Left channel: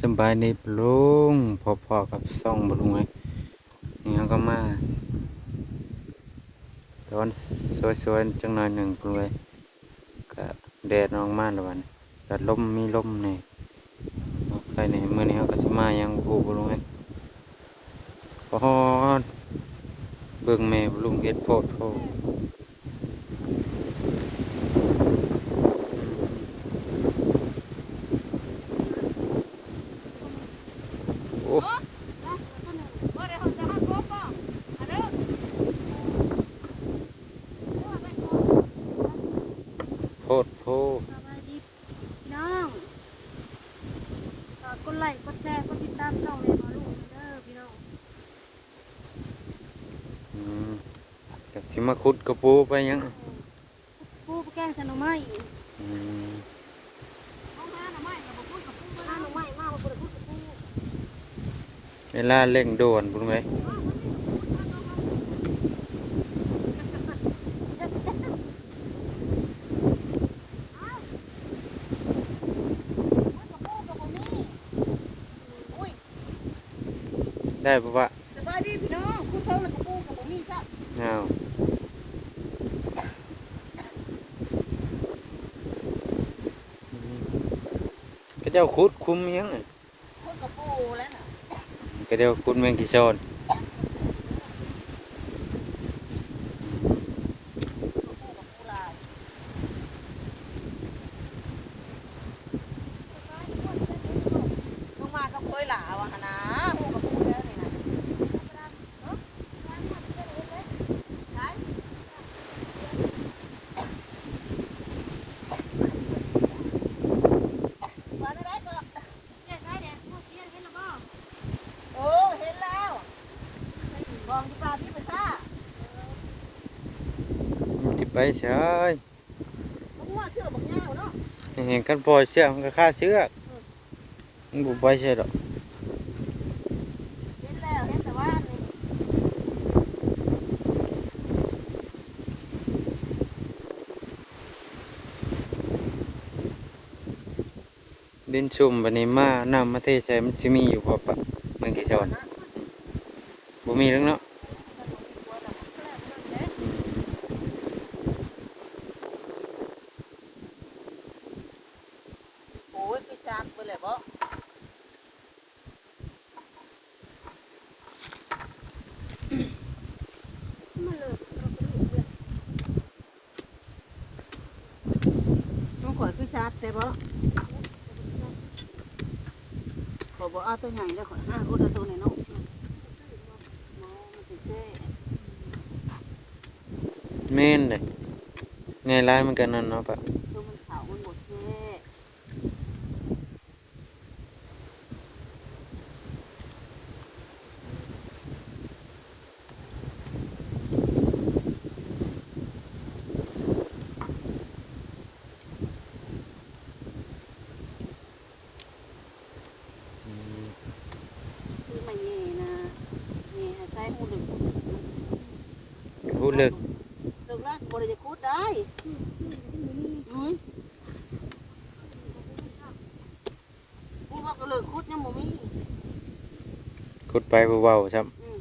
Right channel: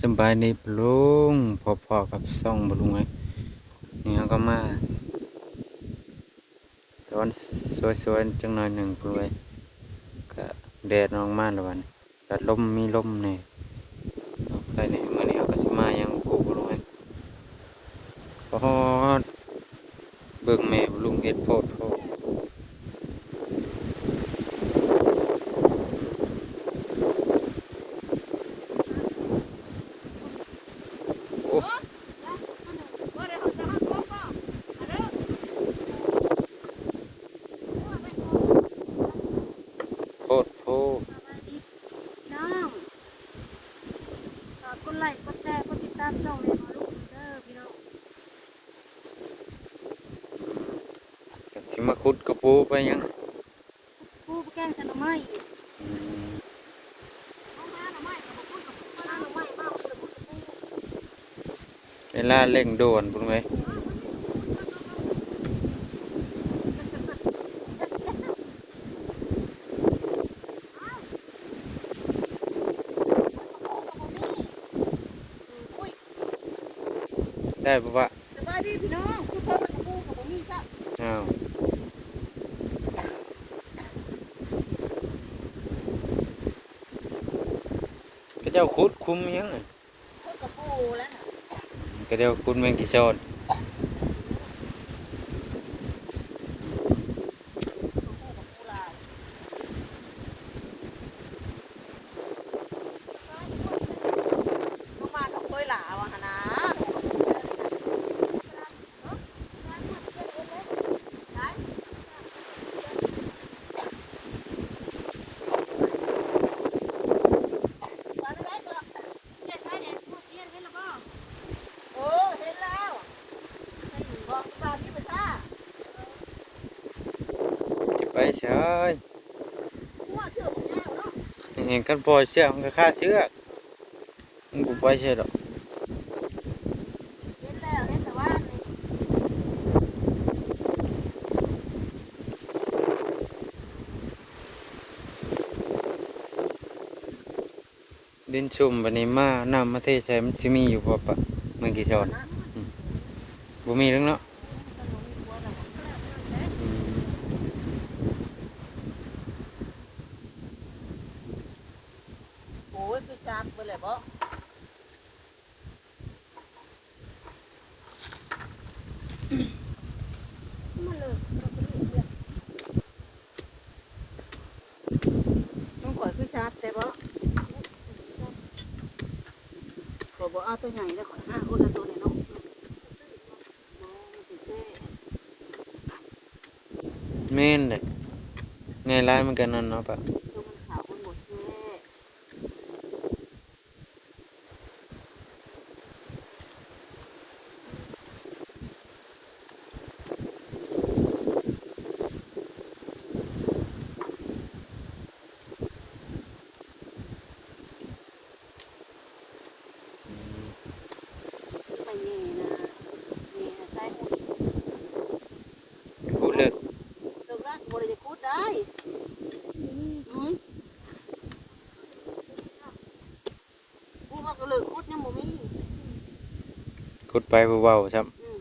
สบายดีปลุงพอๆกับซ่องบลุงไงนี่เขาก็มาตอนสวยๆจังหน่อยหนึ่งปลุงไงก็แดดออกมาแล้ววันก็ลมมีลมนี่ใครนี่เมื่อนี้เขาก็จะมายังผูปลุงไงพอเบิ่งแม่ปลุงเฮ็ดโพดโพดโอ้ โพดโพด สบายดีน้องฝากกดไลค์กดแชร์กดติดตามช่องเลยมาลูกเด้อพี่น้อง อืมแต่สิ มาขุดกระปูไปยังปูไปแกงขนมไม้อืมเอามาหน่อไม้กับปูกับปูมาหน่อไม้มากับปูกับปูกับปูเวลาเร่งด่วนปุ้งไหมได้ปะวะสบายดีพี่น้องกูเท่ากับปูกับปูมีซะอ้าว เจ้าขุดคุมยังไงปูกับปูแล้วน่ะก็เจ้าขุดเมืองกิโซน ปูกับปูลายลงมากับคุยหลาวะหนะปูกับปูเด้อนี่นะใช่ มาได้ก็โอ้เห็นแล้วบอกปลาที่ไปซ่า จิ ไปใช่ผมว่าเชื่อผมแน่เนาะเห็นกันปล่อยเชือกมันก็ฆ่าเชือกมันกูไปใช่หรอกเห็นแล้วเห็นแต่ว่านี่ดินชุ่มบันนี้มาน้ำมาเทใส่มันสิมีอยู่พอปะเมืองกิโซนนะบ่มีแล้วเนาะ มันบ่มีกลัวแล้ว อืม โอ้ยไปชาร์จไปเลยบ่ต้องขอคือชาร์จแต่บ่ขอบอกเอาตัวใหญ่แล้วขอห้าคนละตัวเลยเนาะมองมันสิแช่แม่นเลยในร้านมันกันนั่นเนาะปะ ตัวมันขาวมันหมดแช่ อืม ไม่เย่นะเย่ใส่หุ่น พูดเลิก เลิกละบริจะพูดได้หืมพูดว่าก็ เลิกพูดยังบ่มีขุดไปเบาๆครับ อืม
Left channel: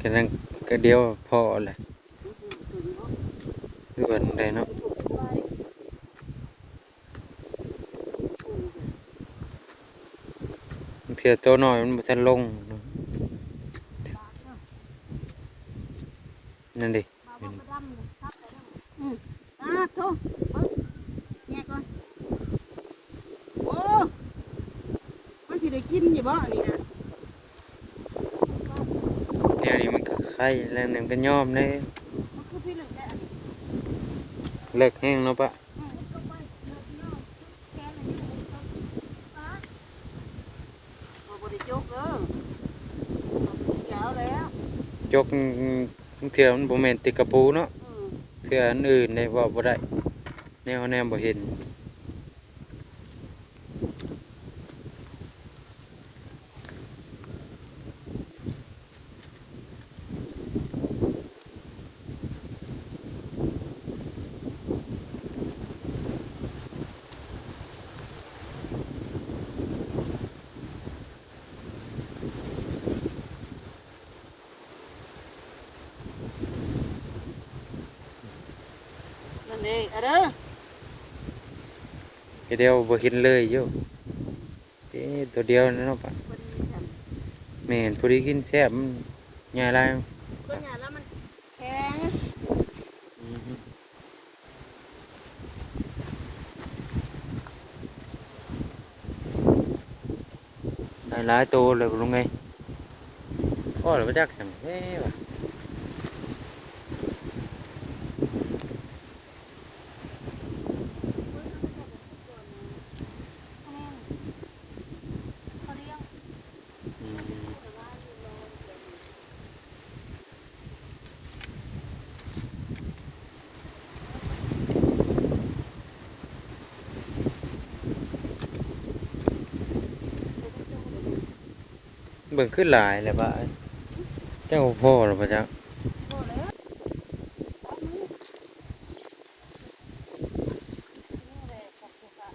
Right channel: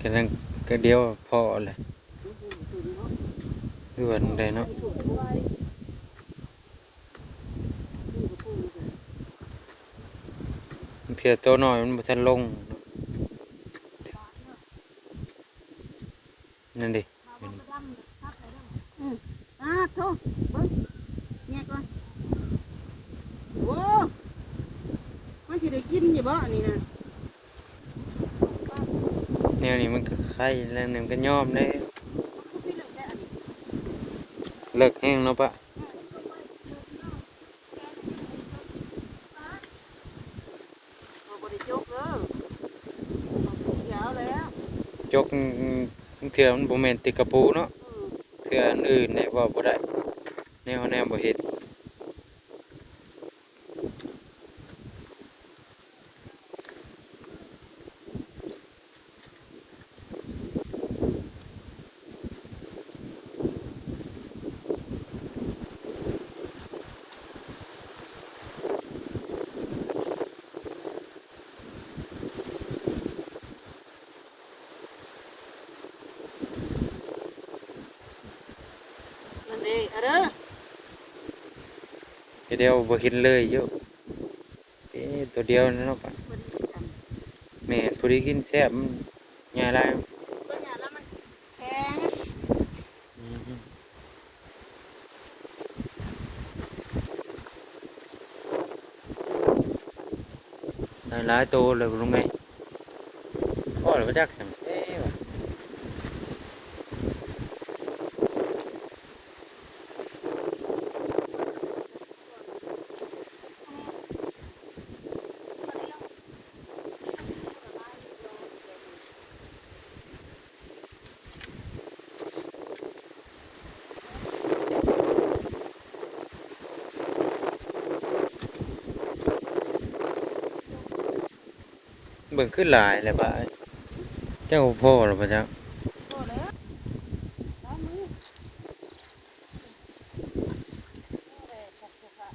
ก็นั่นก็เดียวพอเลย ด่วนเลยเนาะเที่ยวโตหน่อยมันบ่ทันลงเนาะนั่นดิอืมอ่าโทษเบิ่งเนี่ยก่อนโอ้มันสิได้กินอยู่บ่อันนี้นะเนี่ยนี่มันก็ไข่แล้วนี่มันก็ยอมได้ มันคือพี่เลิกได้อันนี้ เลิกแห้งเนาะปะบริจกเด้อเราบริเขียวแล้วจกเถื่อมันบ่แม่นติดกระปูเนาะเถื่ออันอื่นเนี่ยบอกบ่ได้แนวแนวบ่เห็น นั่นเองเอาเด้อเดียวบ่เห็นเลยอยู่เอ๊ะตัวเดียวนั่นเนาะปะคนนี้กันแม่นผู้ที่กินแซ่บมันง่ายหลายก็เนี่ยแล้วมันแข็งอืมหลายหลายตัวเลยลุงไงก็เลยบ่จักจังเอ๊ะ บิ่งขึ้นหลายเลยป่ะเจ้าพ่อหรือป่ะจ๊ะพอแล้วเอามือนี่แหละขอบคุณค่ะ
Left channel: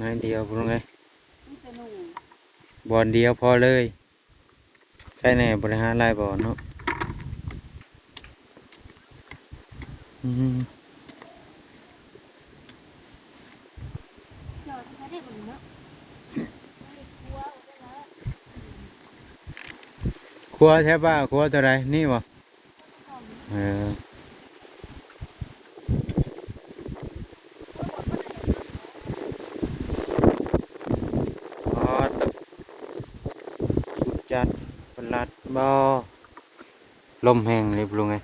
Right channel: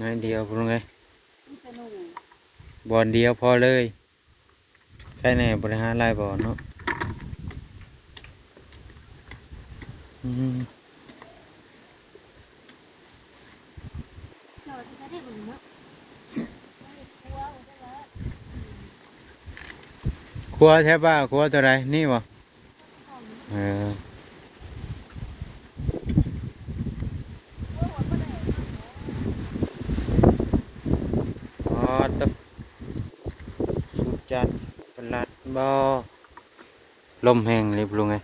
นายเดียวพรุงไงนี่เป็นหนุ่มบอลเดียวพอเลยใช่แน่บริหารรายบอลเนาะอืม ครัวใช่ป่ะครัวตัวไรนี่บ่เอออ๋อตบสุดจัดประหลัดบ่ลมแห้งเลยพรุงไง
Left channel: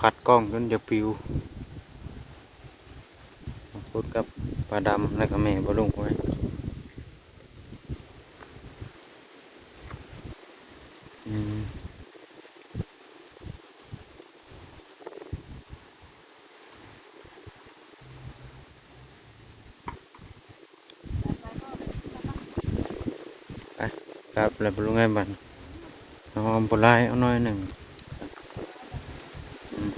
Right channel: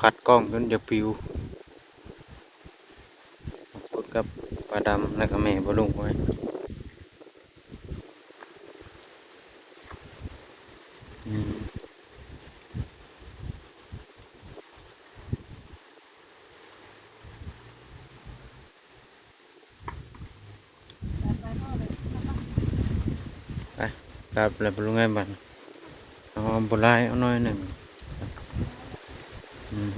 ผัดกล้องจนจะปิวพูดกับ ปลาดำแล้วก็แม่ปลาลุงไว้ไปครับแล้วปลาลุงไงบันเอาอมปลายเอาหน่อยหนึ่งอืม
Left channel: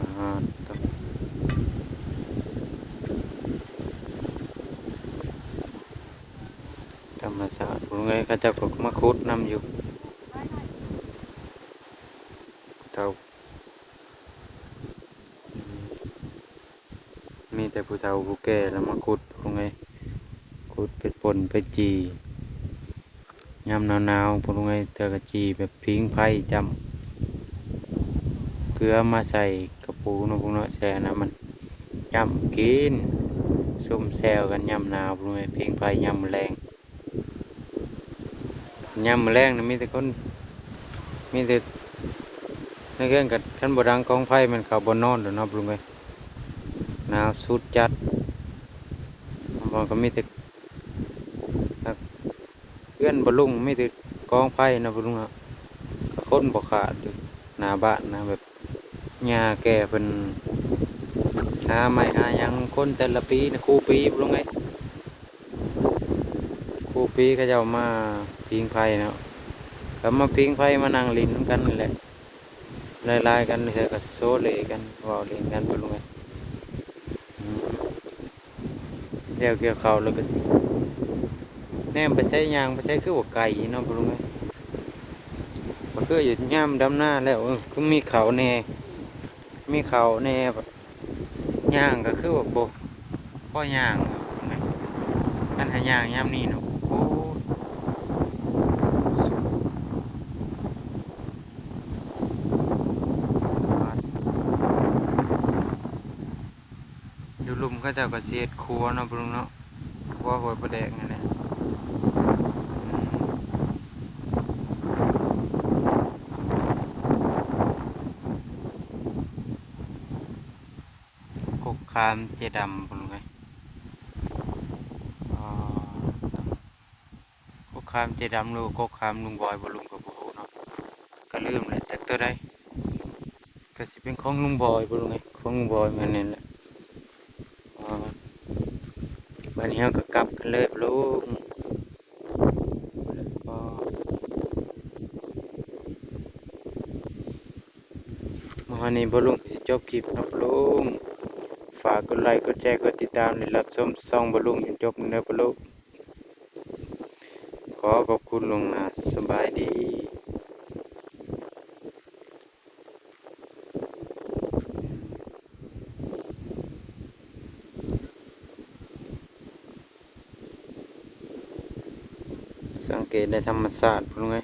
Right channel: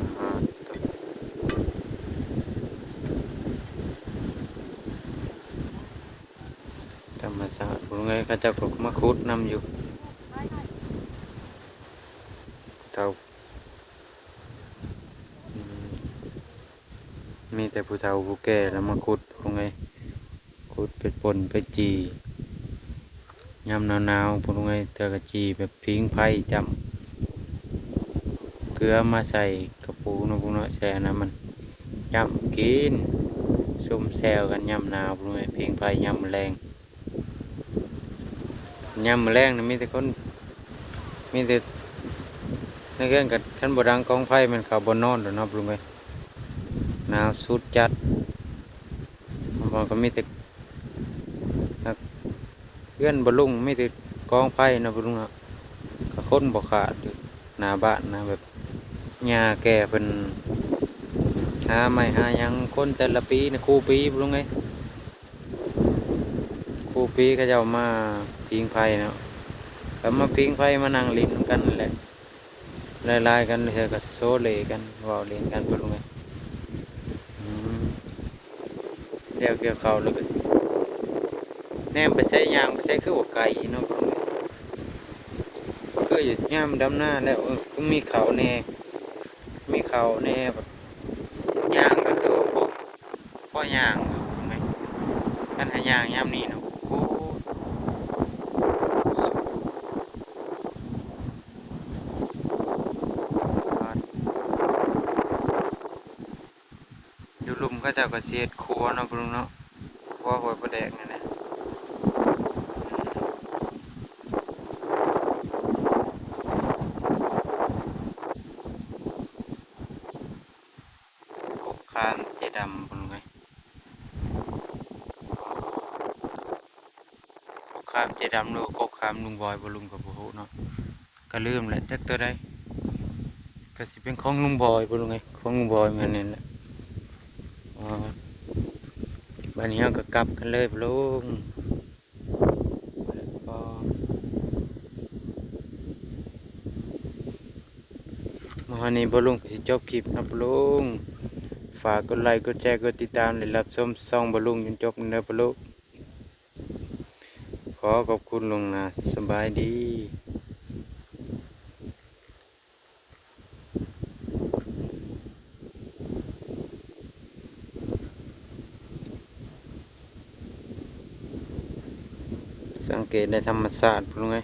อ่าครับธรรมศา สตร์ผมไงก็มาคุดนำอยู่เท่ามีแต่ผู้เฒ่าผู้แก่แล้วมาคุดผมไงคุดเป็ดปนเป็ดจียำหนาวๆผมไงเตอกระจีแบบพิงไผ่จำเกลือมาใส่กระปูนพวกเนาะแช่น้ำมันยำกินส้มแซวกันยำหนาวพวกนี้เพียงไฟยำแรง ยำแรงนี่มีแต่คนมีแต่ในเรื่องกับท่านบดังกองไฟมันเขาบนนอนเดี๋ยวเนาะพวกนี้หนาวสุดจัดมันก็มีแต่นักเพื่อนบลุงมีแต่กองไฟนะพวกนี้ะก็คนบกขาดอยู่หน้าบ้านนะแบบหญ้าแก่เป็นหาไม่หายังคนแต่ละปีนะครูปีบ่รู้ไงครูปีก็จะมา พิงไฟเนาะแล้วมาพิงไฟมานั่งลินกันนั่นแหละลายๆกันเถอะก็โซเลกันว่าเล่นกันบ่รู้ไงเกี่ยวเกี่ยวเขาแล้วก็แนมไปใช้ยางไปใช้คือว่าไก่เนาะบ่รู้ไงบ่คืออยู่ย่ามดำหน้าแล้วก็มีเขาแน่มีเขาแน่แบบย่างก็คือว่าโบพ่อย่างท่านหายางย่ำนี่เนาะโอ้ ก็จะาก็เสียดครัวเนาะปรุงเนาะเพราะหอยประแดกนี่นะกบคามเจดำปรุงไงกบคามเจดำลูกกบคามลุงบอยบลุงกับบุหูเนาะก็ลืมแหละแท็กตัวได้ก็สิเป็นของลุงบอยปลุงไงของลุงบอยมันนี่แหละ อ๋อบันนี้เราก็กลับกันเลยลุงแล้วก็มาวันนี้บลุงก็สิจบคลิปนะปลุงฝากกดไลค์กดแชร์กดติดตามและรับชมซ่องบลลุงจนจบเนื้อบลุงขอขอบคุณลวงนาสบายดี เกตในธรรมศาสตร์พูดงไง